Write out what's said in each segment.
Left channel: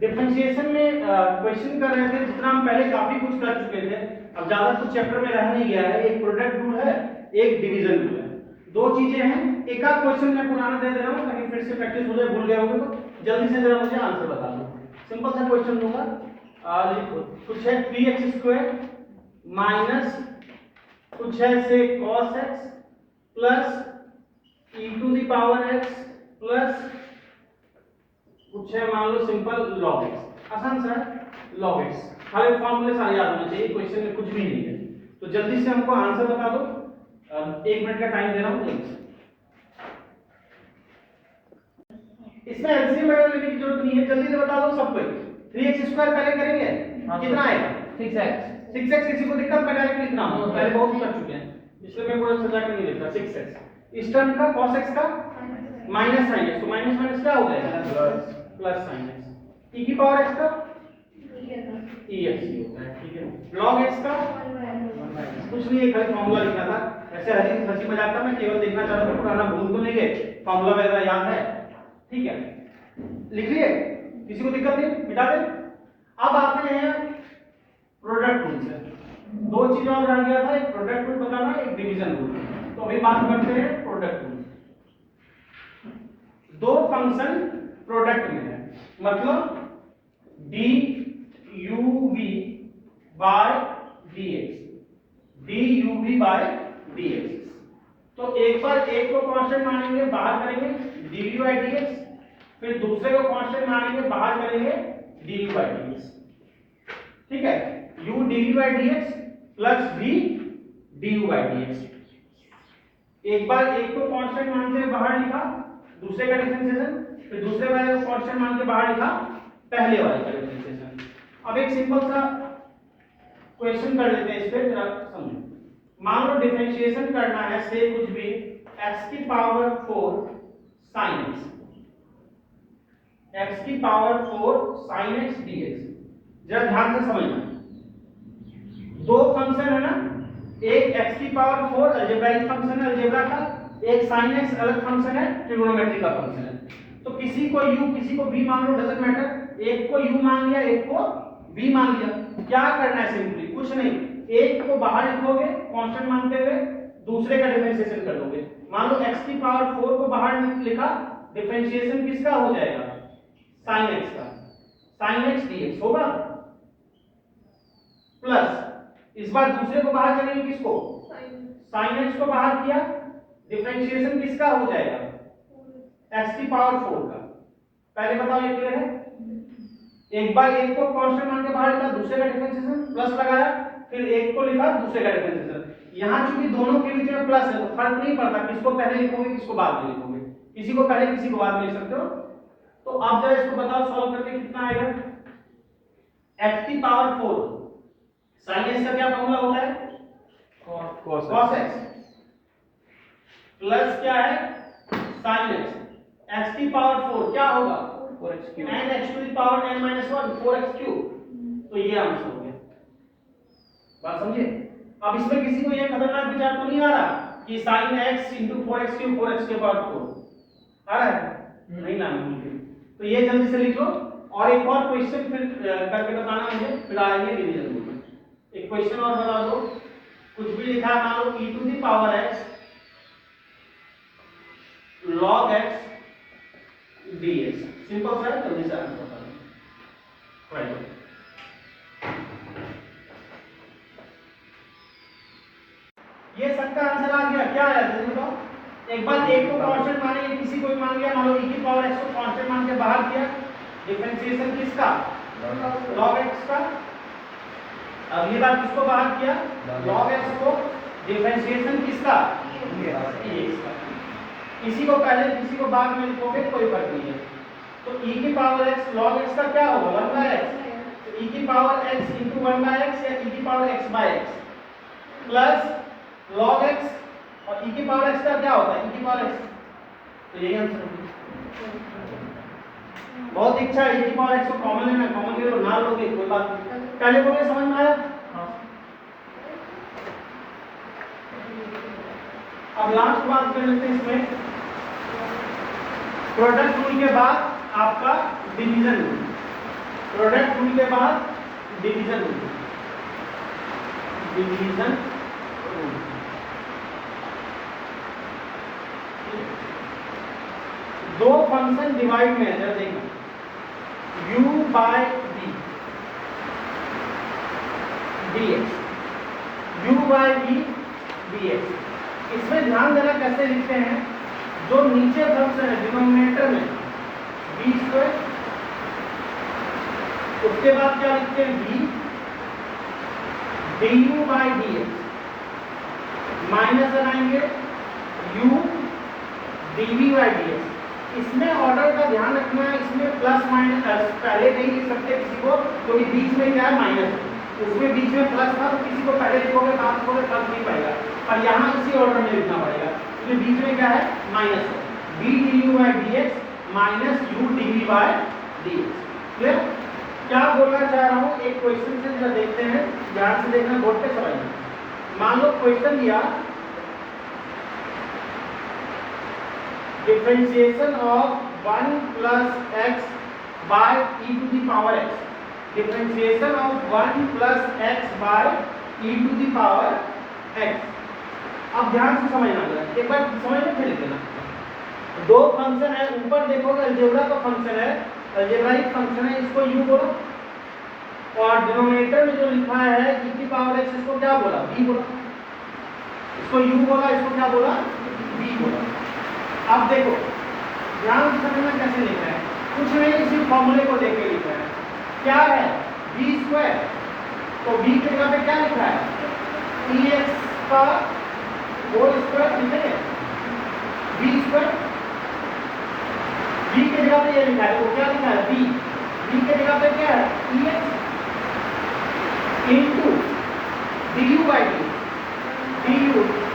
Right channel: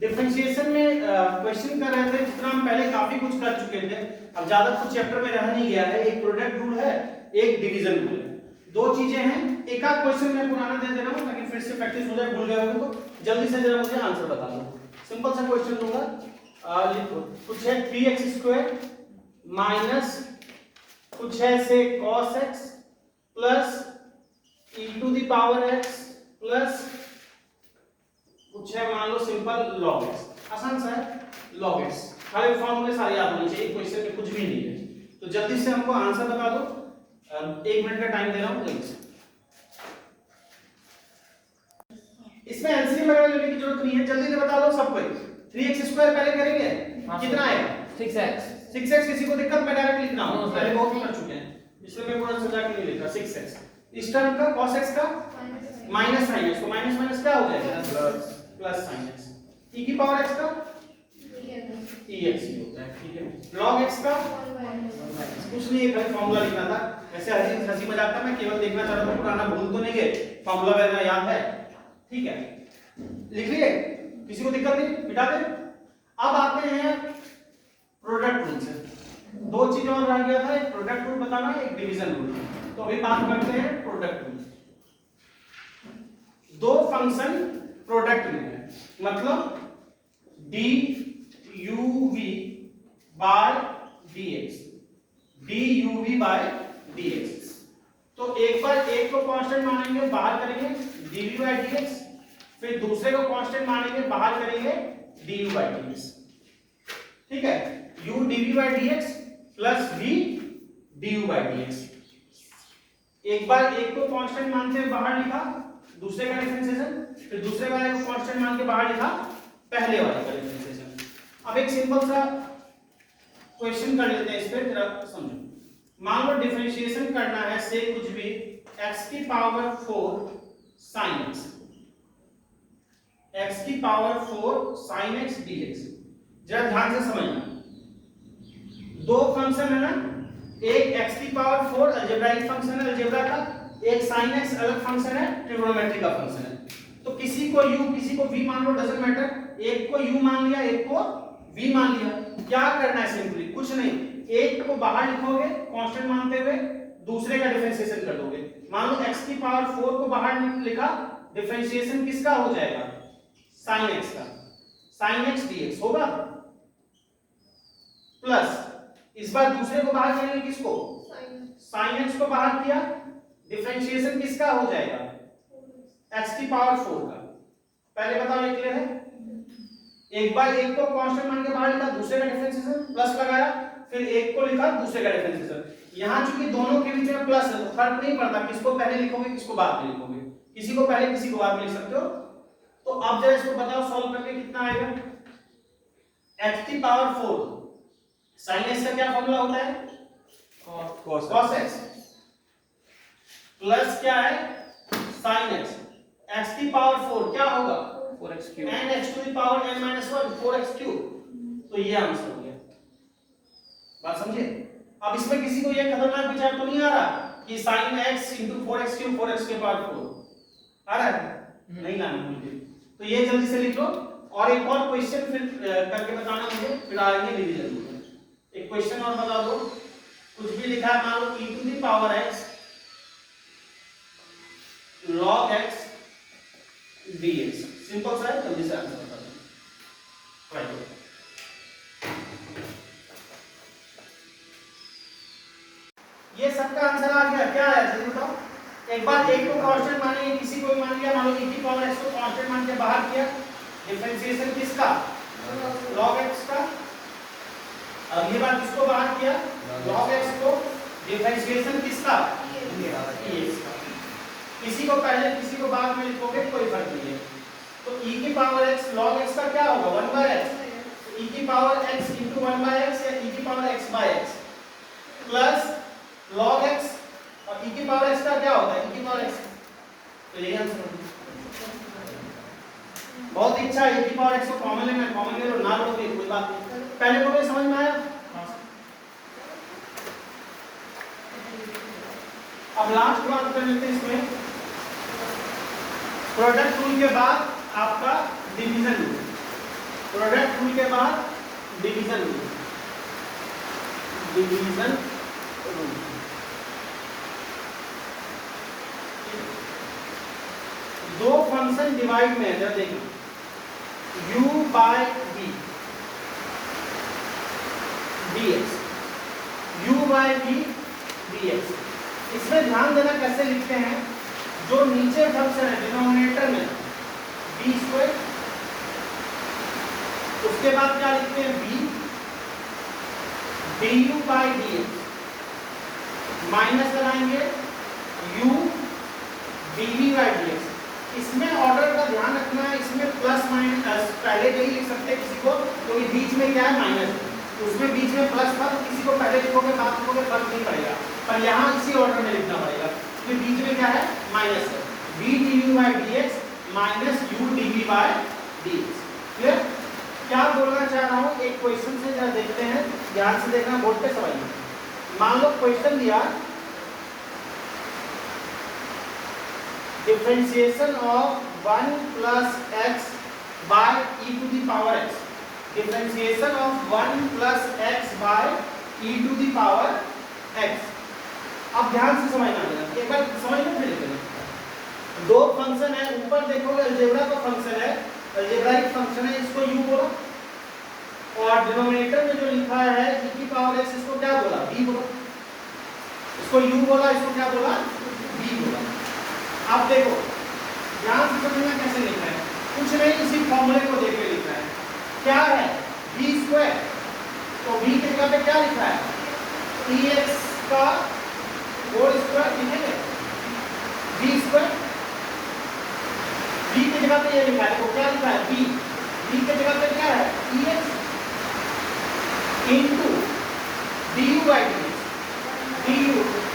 Differentiation में question कर रहे थे, जितना हम पहले काफी कुछ कर चुके थे, अब ज्यादा कुछ चैप्टर में रह नहीं गया है। एक प्रोडक्ट रूल है, एक डिवीजन रूल है, दो चीजें हैं। एक आध क्वेश्चन मैं पुराना दे दे रहा हूं ताकि फिर से प्रैक्टिस हो जाए, भूल गए होंगे तो जल्दी से जरा मुझे आंसर बता दो। सिंपल सा क्वेश्चन दूंगा, लिखो। कुछ है 3x² माइनस कुछ है से cos x plus e⁻x plus कुछ है मान लो सिंपल log x। आसान सा है log x, खाली फॉर्मूले सारे याद होने चाहिए, क्वेश्चन में कुछ भी नहीं है। तो जल्दी से हमको आंसर बता दो, 1 मिनट का टाइम दे रहा हूं। इसमें एलसीएम वगैरह लेने की जरूरत नहीं है, जल्दी से बता दो सब कोई। 3x² पहले करेंगे, कितना आएगा? 6x। 6x किसी को दिक्कत? मैं डायरेक्ट लिख रहा हूं, पहले बहुत कर चुके हैं इसलिए मैं पूरा सजा के नहीं लिख रहा। 6x इस टर्म का cos x का माइनस sin x, तो माइनस माइनस क्या हो जाएगा? Plus sin x। e⁻x का ex ही होता है, ठीक है। log x का कुछ नहीं, खाली फार्मूला लिखना था। ऐसे हंसी मजाक था, मैं केवल देखना चाह रहा था पुराना भूल तो नहीं गए, फार्मूला वगैरह याद है, ठीक है। लिख लिए, किसी को दिक्कत नहीं, मिटा दे। अब आते हैं प्रोडक्ट रूल से। दो चीजें और रह गया था, एक प्रोडक्ट रूल बताना, एक डिवीजन रूल। तो अभी बात करते हैं प्रोडक्ट रूल। दो फंक्शन प्रोडक्ट में है, मतलब duv by dx, duv by dx। तो एक बार एक को कांस्टेंट मानेंगे, बाहर करेंगे dv बाय dx, फिर दूसरे को कांस्टेंट मानेंगे, बाहर करेंगे du बाय dx, ठीक है। u dv by dx plus v du by dx। एक बार एक को कांस्टेंट मान के बाहर लिखा, दूसरे का डिफरेंशिएशन, फिर दूसरे वाले को कांस्टेंट मान के बाहर लिखा, पहले वाले का डिफरेंशिएशन। अब एक सिंपल सा क्वेश्चन कर लेते हैं, इस पे जरा समझो। मान लो डिफरेंशिएशन करना है से कुछ भी x⁴ sin x, x⁴ sin x dx। जरा ध्यान से समझना, दो फंक्शन है ना, एक x⁴ अलजेब्राइक फंक्शन है अलजेब्रा का, एक sin x अलग फंक्शन है, ट्रिग्नोमेट्री का फंक्शन है। तो किसी को u किसी को v मान लो, डजंट मैटर। एक को u मान लिया, एक को v मान लिया। क्या करना है? सिंपली कुछ नहीं, एक को बाहर लिखोगे कांस्टेंट मानते हुए, दूसरे का डिफरेंशिएशन कर लोगे। मान लो x⁴ को बाहर लिखा, डिफरेंशिएशन किसका हो जाएगा? sin x का, sin x dx होगा, प्लस इस बार दूसरे को बाहर करेंगे, किसको? sin x को बाहर किया, डिफरेंशिएशन किसका हो जाएगा? x⁴ का। पहले बताओ ये क्लियर है? एक बार एक को कांस्टेंट मान के बाहर लिखा, दूसरे का डिफरेंशिएशन प्लस लगाया, फिर एक को लिखा, दूसरे का डिफरेंशिएशन। यहां चूंकि दोनों के बीच में प्लस है तो फर्क नहीं पड़ता किसको पहले लिखोगे किसको बाद में लिखोगे, किसी को पहले किसी को बाद में लिख सकते हो। तो अब जरा इसको बताओ सॉल्व करके कितना आएगा? x⁴ sin x का क्या फॉर्मूला होता है? cos x प्लस क्या है? sin x। x⁴ क्या होगा? 4x³ and x⁻n−1 4x³। तो ये आंसर हो गया, बात समझे? अब इसमें किसी को ये खतरनाक विचार तो नहीं आ रहा कि sin x × 4x³ 4x⁴ आ रहा है? नहीं ना मुझे, तो ये जल्दी से लिख लो। और एक और क्वेश्चन फिर करके बताना मुझे, फिर आएंगे डिवीजन रूल में। एक क्वेश्चन और बता दो, कुछ भी लिखा है, मान लो e⁻x log x dx। Simple सा है, जल्दी से आंसर बता दो। राइट, ये सबका आंसर आ गया। क्या है जल्दी बताओ? एक बार एक को कांस्टेंट मानेंगे, किसी को भी मान लिया, मान लो e⁻x को कांस्टेंट मान के बाहर किया, डिफरेंशिएशन किसका? log x का। अब ये बात किसको बाहर किया? log x को, डिफरेंशिएशन किसका? dx का। किसी को पहले किसी को बाद में लिखोगे कोई फर्क नहीं है। तो e⁻x log x का क्या होगा? 1/x। तो e⁻x × 1/x या e⁻x/x प्लस log x, और e⁻x का क्या होता है? e⁻x। तो यही आंसर है। बहुत इच्छा है e⁻x को कॉमन लेना, कॉमन ले लो, ना लोगे कोई बात नहीं। पहले तो समझ में आया? अब लास्ट बात कर लेते हैं इसमें, प्रोडक्ट रूल के बाद आपका डिवीजन रूल। प्रोडक्ट रूल के बाद डिवीजन रूल, डिवीजन रूल। दो फंक्शन डिवाइड में है, जरा देखना, u by v dx, u by v dx। इसमें ध्यान देना कैसे लिखते हैं, जो नीचे फंक्शन है डिनोमिनेटर में b स्क्वायर, उसके बाद क्या लिखते हैं v du by dx, minus लगाएंगे u dv बाय dx। इसमें ऑर्डर का ध्यान रखना है, इसमें प्लस माइनस पहले नहीं लिख सकते किसी को, क्योंकि बीच में क्या है माइनस, उसमें बीच में प्लस था तो किसी को पहले लिखोगे बाद लिखोगे फर्क नहीं पड़ेगा, पर यहाँ इसी ऑर्डर में लिखना पड़ेगा क्योंकि बीच में क्या है माइनस है, b du by dx minus u dv by dx। Clear? क्या बोलना चाह रहा हूँ, एक क्वेश्चन से जरा देखते हैं, ध्यान से देखना, बोर्ड पे समझना। मान लो क्वेश्चन दिया, differentiation of 1 plus x by e to the power x, differentiation of 1 plus x by e to the power x। अब ध्यान से समझना है, एक बार समझ लो फिर लिखना। दो फंक्शन है, ऊपर देखोगे अलजेब्रा का फंक्शन है, अलजेब्राइक फंक्शन है, इसको u बोलो, और डिनोमिनेटर में जो लिखा है e की पावर x, इसको क्या बोला, b बोला, इसको u बोला, इसको क्या बोला, b बोला। अब देखो ध्यान से समझना कैसे लिखा है, कुछ नहीं इसी फॉर्मूले को देख के लिखा है। क्या है b स्क्वायर, तो b की जगह पे क्या लिखा है ex का होल स्क्वायर, ठीक है, b स्क्वायर, b की जगह पे ये लिखा है, तो क्या लिखा है b की जगह पे क्या है ex into du by dx,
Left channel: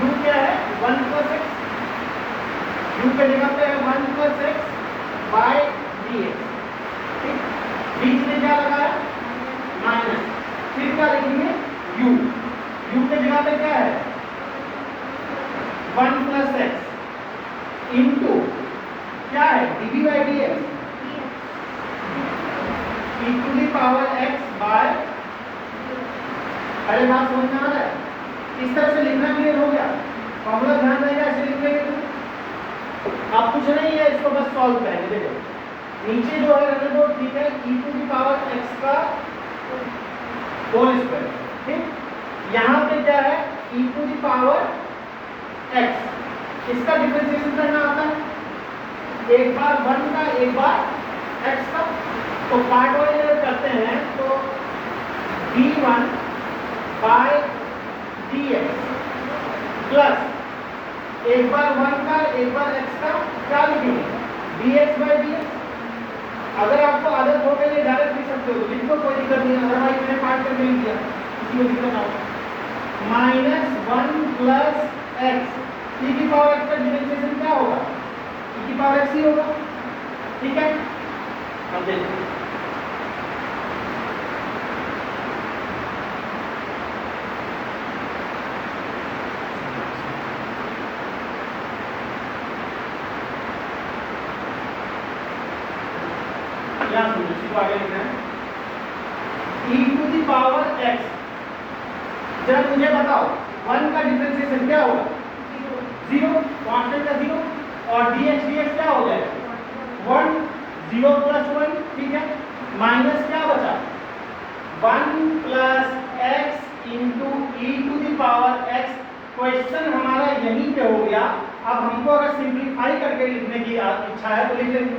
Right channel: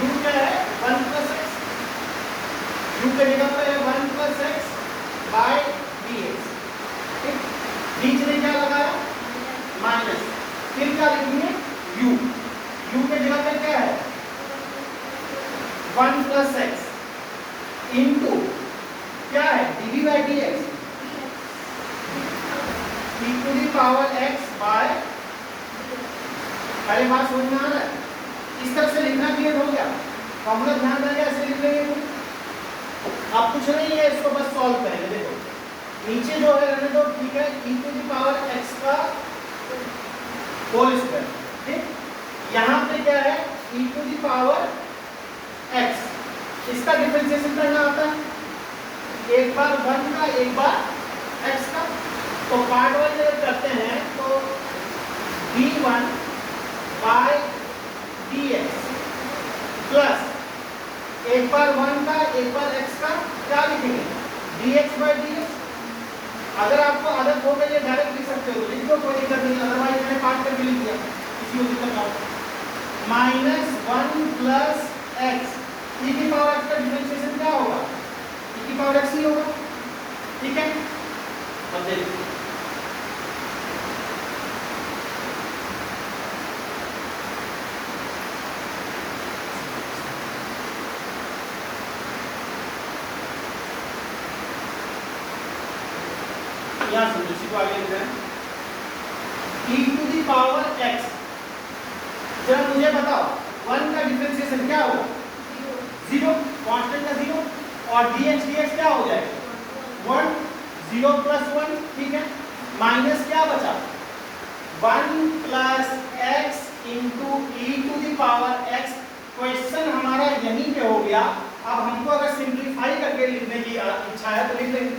du क्या है 1 प्लस x, u के जगह पे 1 प्लस x बाय dx, ठीक, बीच में क्या लगा है माइनस, फिर क्या लिखेंगे u के जगह पे क्या है 1 प्लस x इनटू क्या है dv by dx e to the power x by, अरे बात समझ में आ रहा है, इस तरह से लिखना क्लियर हो गया, फॉर्मूला ध्यान रहेगा, ऐसे लिख लेंगे। अब कुछ नहीं है, इसको बस सॉल्व करेंगे। देखो नीचे जो है रहने दो, ठीक है, e to the power x का होल स्क्वायर, ठीक, यहाँ पे क्या है e to the power x, इसका डिफरेंशिएशन करना आता है, एक बार 1 का एक बार x का, तो पार्ट वाइज अगर करते हैं तो d1 बाय dx प्लस एक बार 1 का एक बार x का, क्या लिखेंगे dx बाय dx। अगर आपको आदत हो गई डायरेक्ट लिख सकते हो, लिख दो, कोई दिक्कत नहीं, अदरवाइज मैंने काट करके लिख दिया, किसी को दिक्कत ना हो। माइनस 1 प्लस x, e की पावर x का डिफरेंशिएशन क्या होगा, e की पावर x ही होगा, ठीक है। अब देखो यहाँ समझो, इसी को आगे लिख रहे हैं e to the power x। जरा मुझे बताओ 1 का डिफरेंशिएशन क्या होगा 0, कांस्टेंट का 0, और dx क्या हो जाएगा 1, 0 प्लस 1, ठीक है, माइनस क्या बचा 1 plus x into e to the power x। Question हमारा यहीं पे हो गया। अब हमको अगर सिंप्लीफाई करके लिखने की इच्छा है तो लिख लेंगे।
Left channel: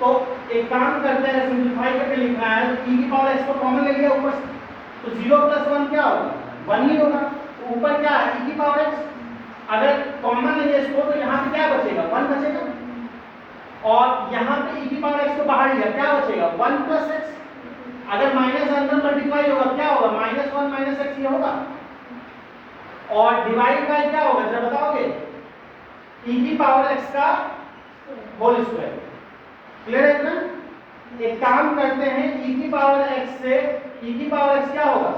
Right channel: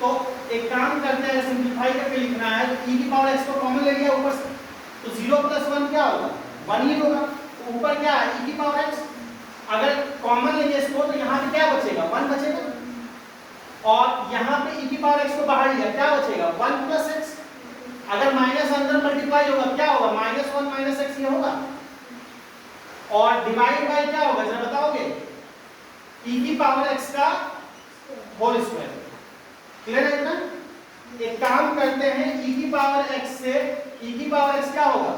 तो एक काम करते हैं, सिंप्लीफाई करके लिखना है, तो e की पावर x को कॉमन ले लिया ऊपर से, तो 0 प्लस 1 क्या होगा 1 ही होगा, ऊपर क्या है e की पावर x, अगर कॉमन ले इसको तो यहाँ पे क्या बचेगा 1 बचेगा, और यहाँ पे e की पावर x को बाहर लिया, क्या बचेगा 1 प्लस x, अगर माइनस अंदर मल्टीप्लाई होगा क्या होगा -1 माइनस x ये होगा, और डिवाइड बाय क्या होगा जरा बताओगे e की पावर x का होल स्क्वायर। क्लियर है ना? एक काम करते हैं, e की पावर x से e की पावर x क्या होगा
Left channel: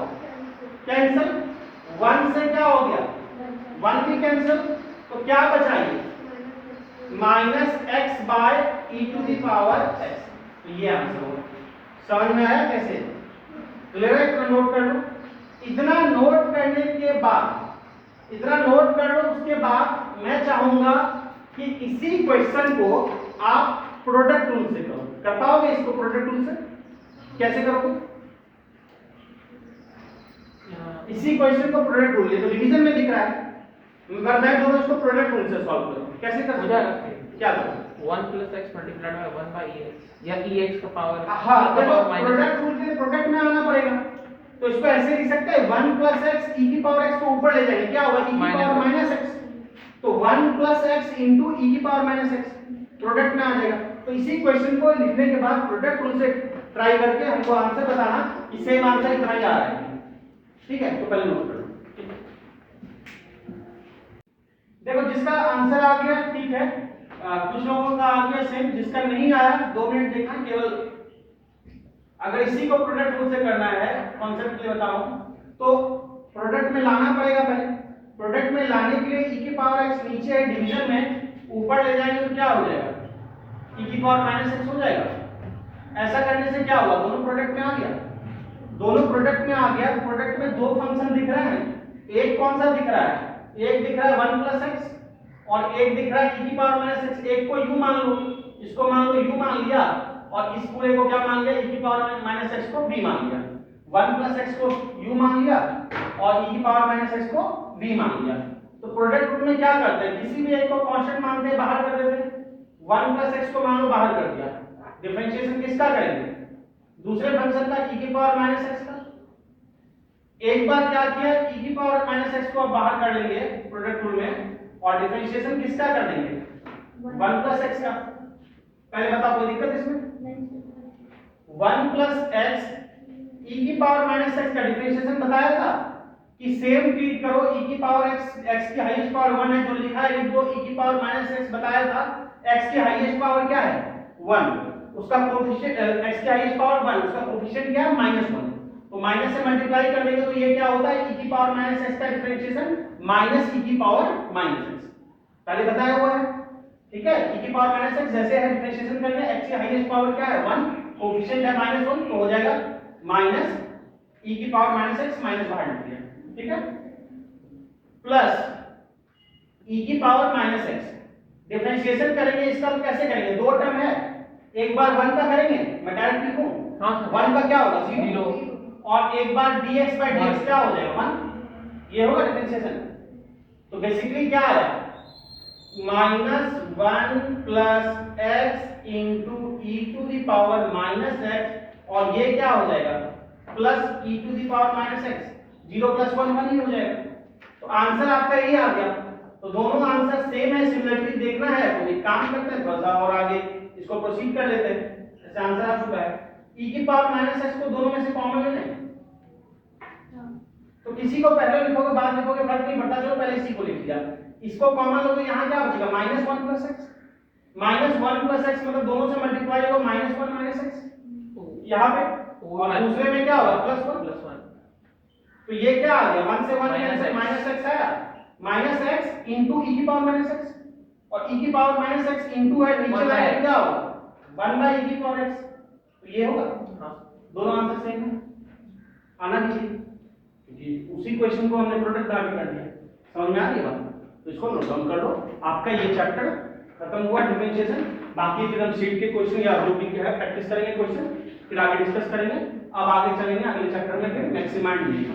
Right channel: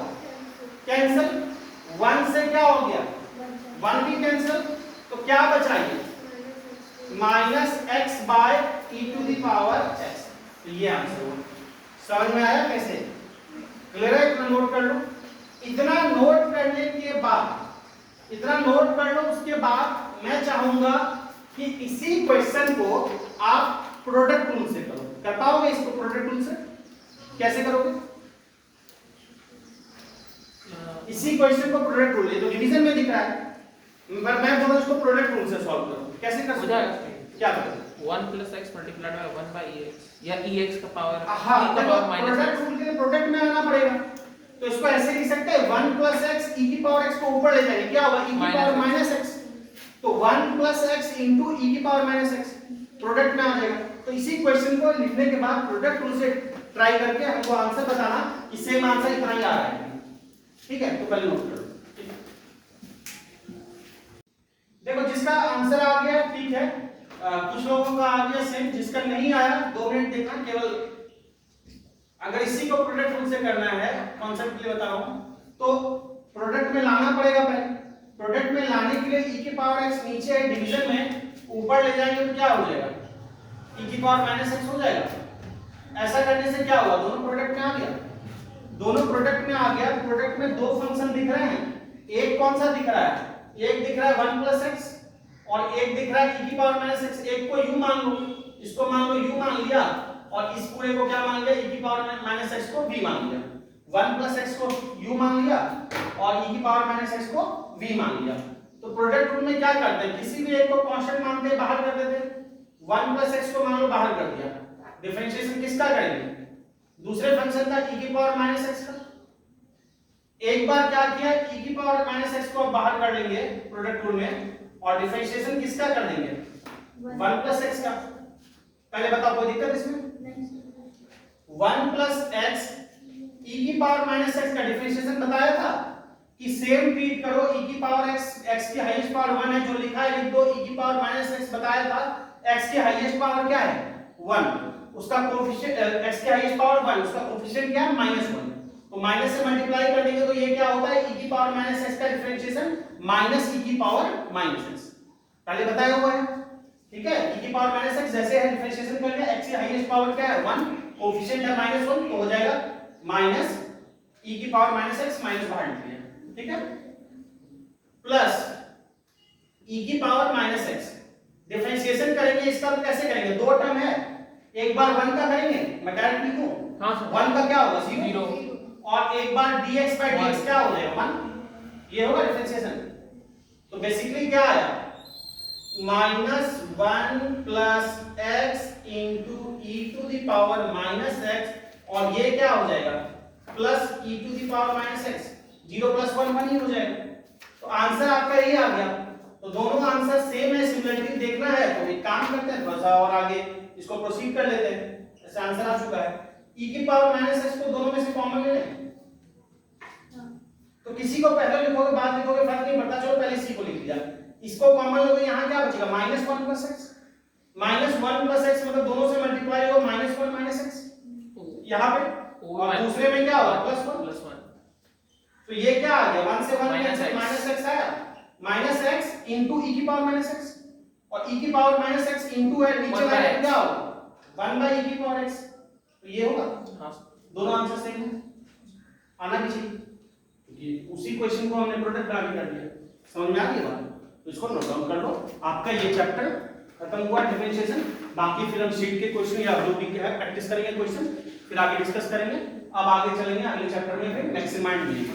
कैंसिल, 1 से क्या हो गया 1 भी कैंसिल, तो क्या बचा ये minus x by e to the power x। तो ये आंसर होगा। समझ में आया कैसे? क्लियर है? इतना नोट कर लो। इतना नोट करने के बाद, इतना नोट कर लो, उसके बाद मैं चाहूंगा कि इसी क्वेश्चन को आप प्रोडक्ट रूल से करो। कर पाओगे इसको प्रोडक्ट रूल से? कैसे करोगे? इसी क्वेश्चन को प्रोडक्ट रूल, ये तो डिवीजन में दिख रहा है, पर मैं बोल रहा हूं इसको प्रोडक्ट रूल से सॉल्व करो। कैसे कर सकते हो? क्या करो? 1 + x multiplied by 1 by ex या ex का पावर हाँ, देखो प्रोडक्ट रूल के लिए प्रोडक्ट में आना पड़ेगा, तो इसको ऐसे लिख सकते हैं 1 + x e की पावर x को ऊपर ले जाएंगे, क्या होगा? e की पावर -x, तो 1 + x * e की पावर -x प्रोडक्ट में आ जाएगा। तो इसी क्वेश्चन को लिखने के बाद प्रोडक्ट रूल से ट्राई करके हमको आंसर बताना कि सेम आंसर इतना ही आ रहा है। ठीक है, तो पहले नोट करो। देखो जिसका आंसर आ गया ठीक है, कुछ लोगों का आ गया सेम, जिसका नहीं आया 2 मिनट देखना केवल। अगर इसी को प्रोडक्ट रूल से करना है, कॉन्सेप्ट के लिए बता रहा हूं, तो प्रोडक्ट में लाना पड़ेगा पहले। प्रोडक्ट में लाने के लिए e की पावर x नीचे है डिवीजन में, ऊपर ले जाएंगे तो क्या हो जाएगा? e की पावर -x हो जाएगा। ऐसा करने से क्या होगा? दोनों प्रोडक्ट में आ गया, दोनों प्रोडक्ट में आ गया। प्रोडक्ट में दो फंक्शन दिख रहे हैं, एक कौन सा दिख रहा है? एक दिख रहा है 1 + x और एक दिख रहा है e की पावर -x। एक को u मान लो, इसको मान लो u मान लिया, और इस पूरे को क्या मान लिया? e की पावर -x को v मान लिया। 1 + x को u मान लिया और e की पावर -x को v मान लिया। तो प्रोडक्ट रूल में क्या करते हैं? किसी भी एक को कांस्टेंट मान के बाहर कर देते हैं। 1 + x को मान लो बाहर कर दिया, डिफरेंशिएशन किसका करेंगे? दूसरे फंक्शन का e की पावर -x का। एक बार क्या किया, e की पावर -x को बाहर कर लेंगे प्रोडक्ट रूल में, और डिफरेंशिएशन किसका कर देंगे? 1 + x का। पहले बताओ कोई दिक्कत इसमें? 1 + x e की पावर -x का डिफरेंशिएशन बताया था कि सेम ट्रीट करो। e की पावर x की हाईएस्ट पावर 1 है, जो लिखा है लिख दो। e की पावर -x बताया था, x की हाईएस्ट पावर क्या है? 1, उसका कोएफिशिएंट x की हाईएस्ट पावर 1, उसका कोएफिशिएंट क्या है? -1। तो माइनस से मल्टीप्लाई कर देंगे तो ये क्या होता है? e की पावर -x का डिफरेंशिएशन -e की पावर -x, पहले बताया हुआ है। ठीक है, e की पावर -x जैसे है डिफरेंशिएशन करके, x की हाईएस्ट पावर क्या है? 1, कोएफिशिएंट है -1, तो हो जाएगा -e की पावर -x माइनस बाहर निकल गया। ठीक है, प्लस e की पावर -x डिफरेंशिएशन करेंगे इसका। तो कैसे करेंगे? दो टर्म है, एक बार 1 का करेंगे, मैं डायरेक्ट लिखूं। हां सर, 1 का क्या होगा? 0, 0, और एक बार dx/dx क्या हो जाएगा? 1, ये होगा डिफरेंशिएशन। तो बेसिकली क्या आया? -1 + x * e to the power -x, और ये क्या हो जाएगा? Plus e to the power -x। 0 + 1 1 ही हो जाएगा। तो आंसर आपका यही आ गया। तो दोनों आंसर सेम है, सिमिलरिटी देखना है तो एक काम करते हैं, थोड़ा सा और आगे इसको प्रोसीड कर लेते हैं। ऐसे आंसर आ चुका है। e की पावर -x को दोनों में से कॉमन ले लें, तो किसी को पहले लिखोगे बाद लिखोगे फर्क नहीं पड़ता, चलो पहले इसी को लिख दिया। इसको कॉमन लोगे, यहां क्या बचेगा? -1 + x। -1 + x मतलब दोनों से मल्टीप्लाई होगा -1 -x यहां पे, और दूसरे में क्या होगा? +1। तो ये क्या आ गया? 1 से 1 कैंसिल, -x आया, -x * e की पावर -x, और e की पावर -x इनटू है नीचे वाला क्या होगा? 1/e की पावर x। तो ये होगा। हां, दोनों आंसर सेम है, आना भी चाहिए, क्योंकि उसी क्वेश्चन को हमने प्रोडक्ट आगे कर दिया। समझ में आ गई बात? तो इसको नोट डाउन कर लो। आपका ये चैप्टर खत्म हुआ डिफरेंशिएशन। बाकी फिर हम शीट के क्वेश्चन या जो भी है प्रैक्टिस करेंगे क्वेश्चन, फिर आगे डिस्कस करेंगे। अब आगे चलेंगे अगले चैप्टर में, फिर मैक्सिमा एंड मिनिमा।